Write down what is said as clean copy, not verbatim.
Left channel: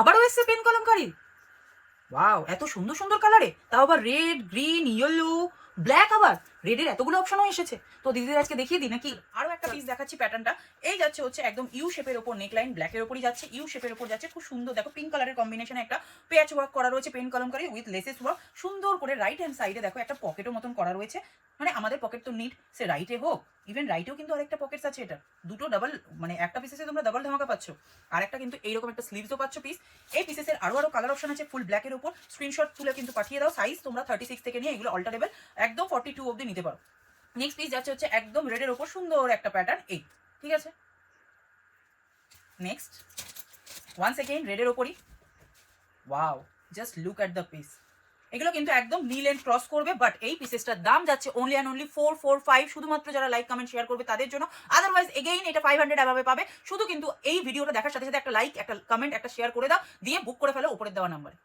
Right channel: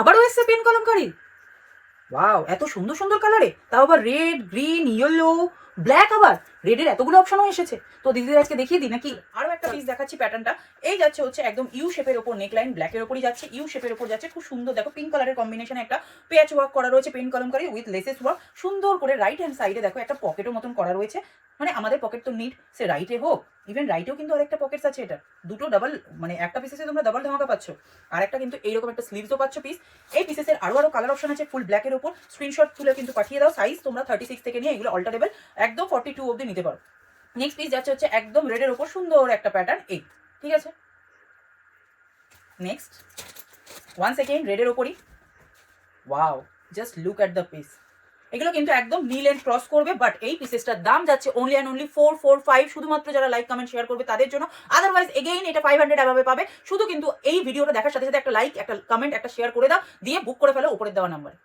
আবারও এসছে pen kalamkari. Wow, এত সুন্দর সুন্দর কালারে, তাও আবার রেড, গ্রিন, ইয়েলো, ব্ল্যাক, আবার রেডের এতগুলো অপশনও এসেছে। তো দিদিদের আজকে দেখিয়ে দিই নাকি। আরো একটা পিস দেখাচ্ছি। প্যাটার্নটা এই যাচ্ছে হচ্ছে একদম ইউ শেপের ওপর, নেকলাইন ব্ল্যাকের ওপরই যাচ্ছে, ইউ শেপের ওপর যাচ্ছে, খুব সুন্দর। দেখো পিঙ্ক কালারের কম্বিনেশনে একটা প্যাচ ওয়ার্ক করা রয়েছে pen kalamkari with laces work. সুন্দর করে রাইট হ্যান্ড সাইডে দেখো একটা পকেটের মতন করা রয়েছে। মানে আমাদের পকেট তো নিড, সে রাইটে হোক, ইভেন রাইটেও কিন্তু আরেকটা পকেটস আছে। এটা দুটো ডাবল, মানে একটা পিসেসে তোমরা ডাবল ধামাকা পাচ্ছ, আর একটা কিন্তু এইরকম একটা স্লিভসও পাচ্ছ পিস। এই পিসেসের আরো কালার অপশন আছে ফুল ব্ল্যাকের ওপর। স্ক্রিনশট তুলে কিন্তু পাঠিয়ে দাও। সাইজ তোমরা 36 থেকে নিয়ে এগুলো অল্টারেবল একদম 42 অবধি নিতে পারো। নেক্সট পিস যাচ্ছে হচ্ছে একদম রেডের ওপর সুন্দর একটা প্যাটার্ন এই, ঠিক আছে। নেক্সট ওয়ান সেকেন্ড রেডের ওপরই, wow, just look at the piece. এগুলো কিন্তু একদম নীল এন্ড ক্রস করবে, বাট এই পিসেসটার দাম যাচ্ছে অনলি অ্যান্ড অনলি 445, শুধুমাত্র যারা লাইক কমেন্ট শেয়ার করবে তাদের জন্য। আদারওয়াইজ এগেইন এটা 500 অ্যাভাবে পাবে। শুধু কিন্তু এই ভিডিওটা দেখার সাথে সাথে একটা লাইক, একটা কমেন্ট, একটা শেয়ার করে দাও, দিয়ে বুক করে ফেলো উপরের দেওয়া নাম্বারে।